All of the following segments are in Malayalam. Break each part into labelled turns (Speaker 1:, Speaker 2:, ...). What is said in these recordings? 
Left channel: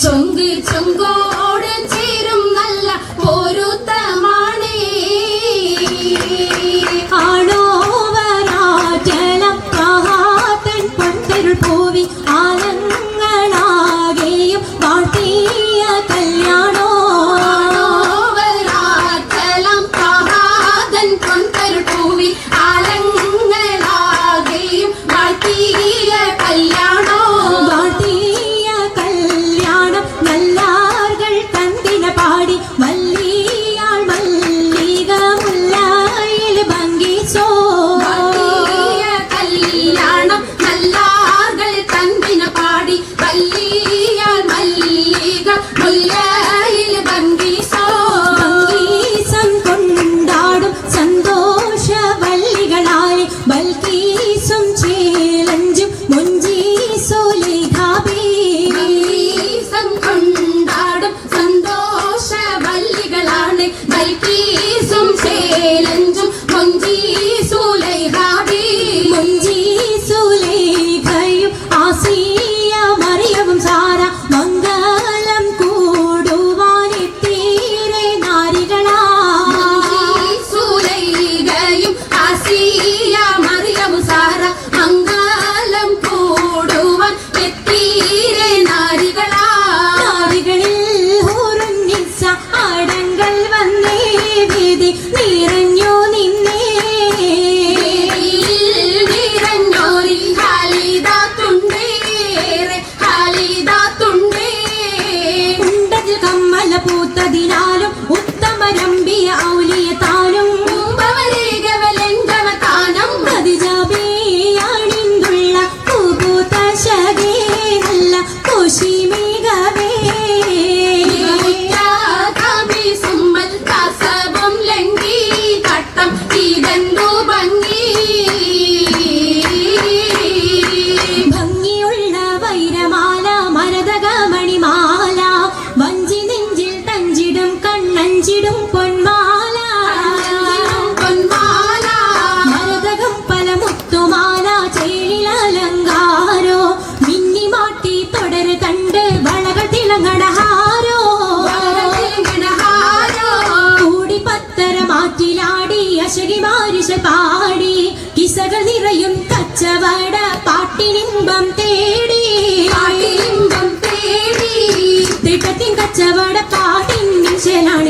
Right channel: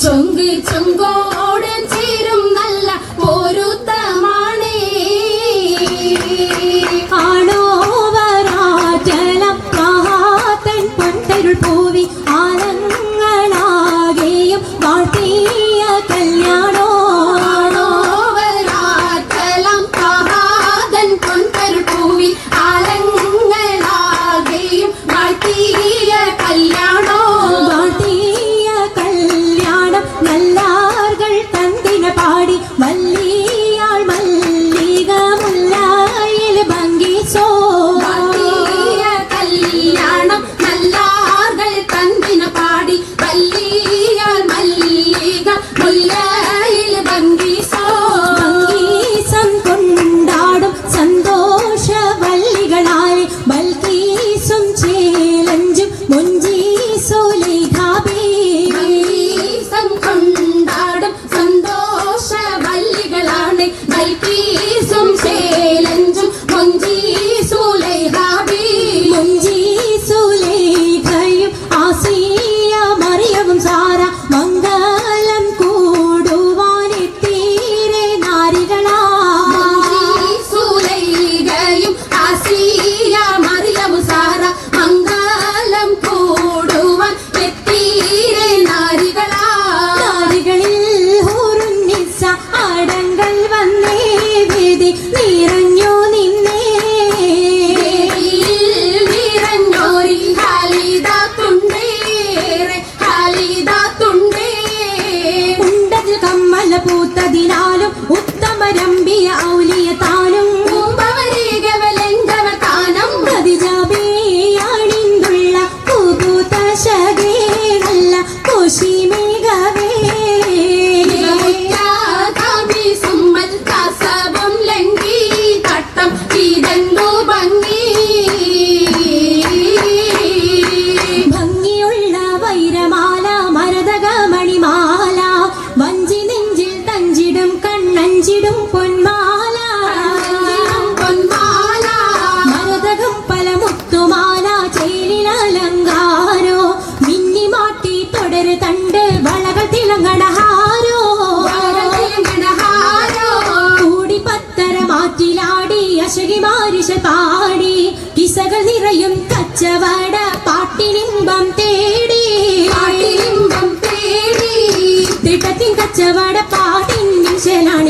Speaker 1: 정기 정과
Speaker 2: Daddy. കച്ചവട പാട്ടിൻ ശരാണി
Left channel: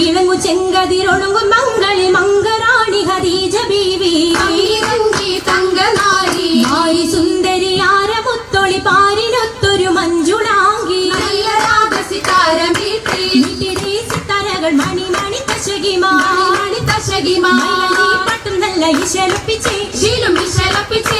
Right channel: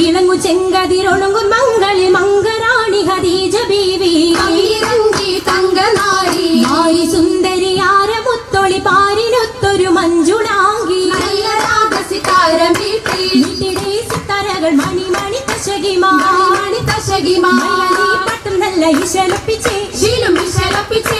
Speaker 2: ഇണങ്ങു ചെങ്കതിരൊണുങ്ങും
Speaker 1: ശീലം ഇശലപ്പിച്ചേ